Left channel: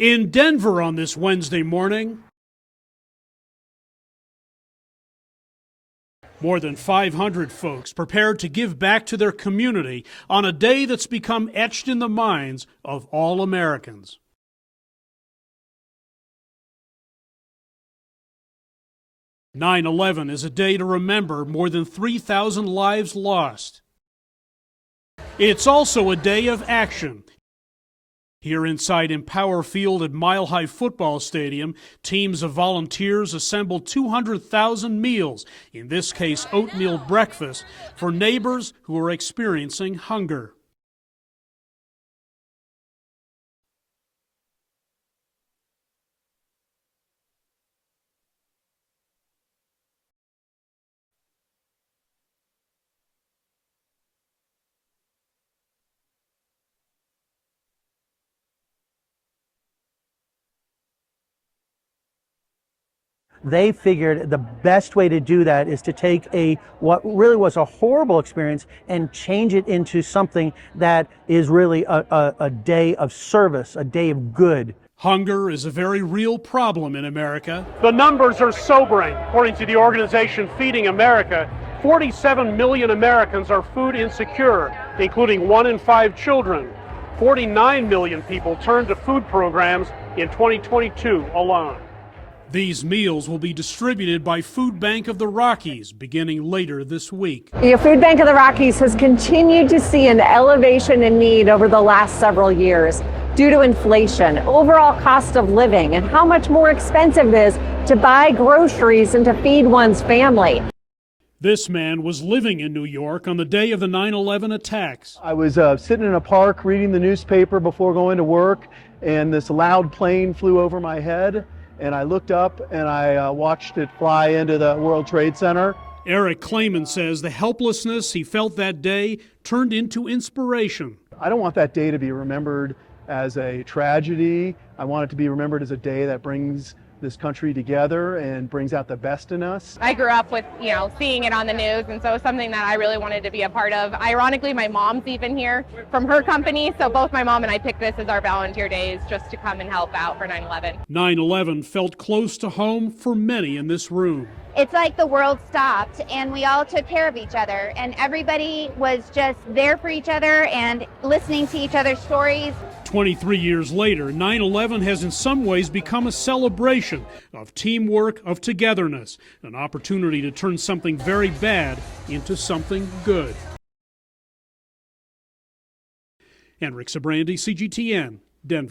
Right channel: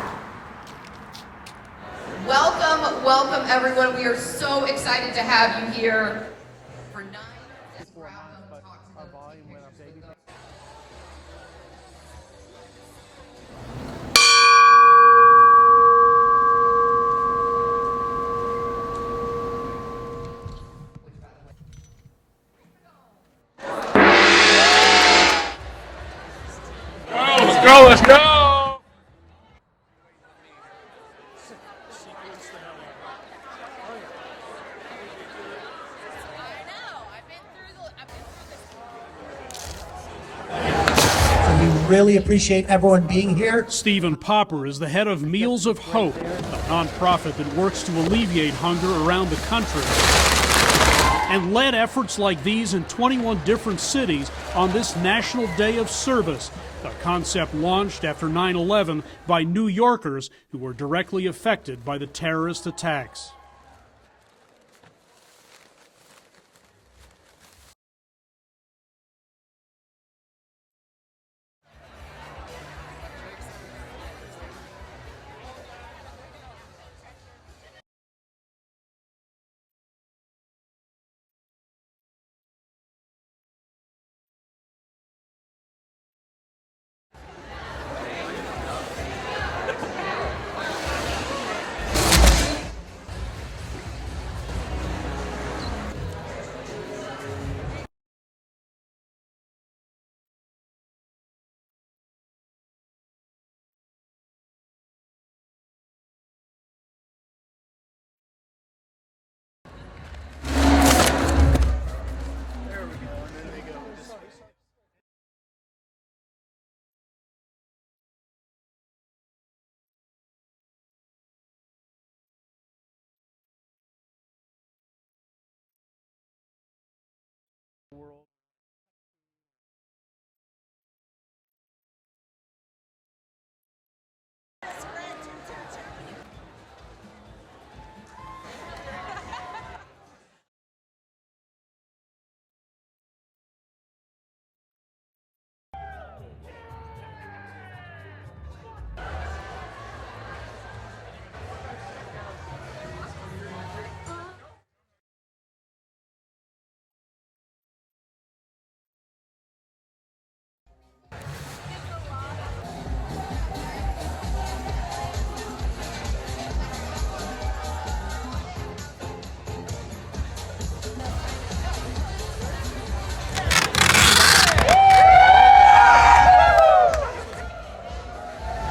In Denver on this Wednesday morning. Welcome, welcome everyone. We are so excited to have you here. More than 500 folks prepared to give back to their community on a day that's become etched in the minds of all Americans. "9/11 is a day to remember more than 3,000 lives lost. It's also a day of action. Let's go, let's go! Here inside Empower Field at Mile High Football Stadium, teams of volunteers assembled 200,000 meals, in this case oatmeal breakfast, for neighbors who are experiencing hunger. So we really appreciate everyone being here. Stephen Popper is the head of Meals of Hope, a nonprofit that works to alleviate hunger around the country, and led efforts like these in 21 different cities on this National Day of Service, a concept launched after 9/11 by New Yorkers who were directly affected by the terrorist attacks. They figured the best way to do that is to take what really was a horrible experience and change it into something that is really a day of service, a day of good. Hunger is a very real problem in America. The numbers are sobering. According to the organization Feeding America, 47 million Americans are food insecure, including 1 in 5 children. 49 million people turned to food programs in 2022 alone. These meals will be distributed by Food Bank of the Rockies beginning later this week. The Food Bank of the Rockies has continued to see an elevation in need over the last several years due to inflation, overall cost of living, and how much more expensive it is to buy groceries and to feed one's family. This man was living in New York on the day of the 9/11 attacks. I was sitting in a park reading the newspaper before going to work, and this loud plane flew over my head, and I looked up and I watched it fly into the World Trade Center. Eric Clayman says the helplessness he felt that day turned into inspiration. I don't want that day to be remembered as a tragedy. I want it to be remembered as a day that brings this country together and brings out the best in us. I grew up with, seeing it on the news, and so it's something that I really wanted to be a part of. Ironically, my mom's even here from her company, so both my mom and I picked this as our volunteer days just to come and help out for 9/11. 9/11 felt close to home for many in this room. It's like the world stopped and we all took care of each other, and everybody was just there for each other and listening to each other's stories. 23 years later, 9/11 has in some ways become a celebration of teamwork, of togetherness, an opportunity to turn something very bad into something good. Hendrik Sybrandy, CGTN, Denver.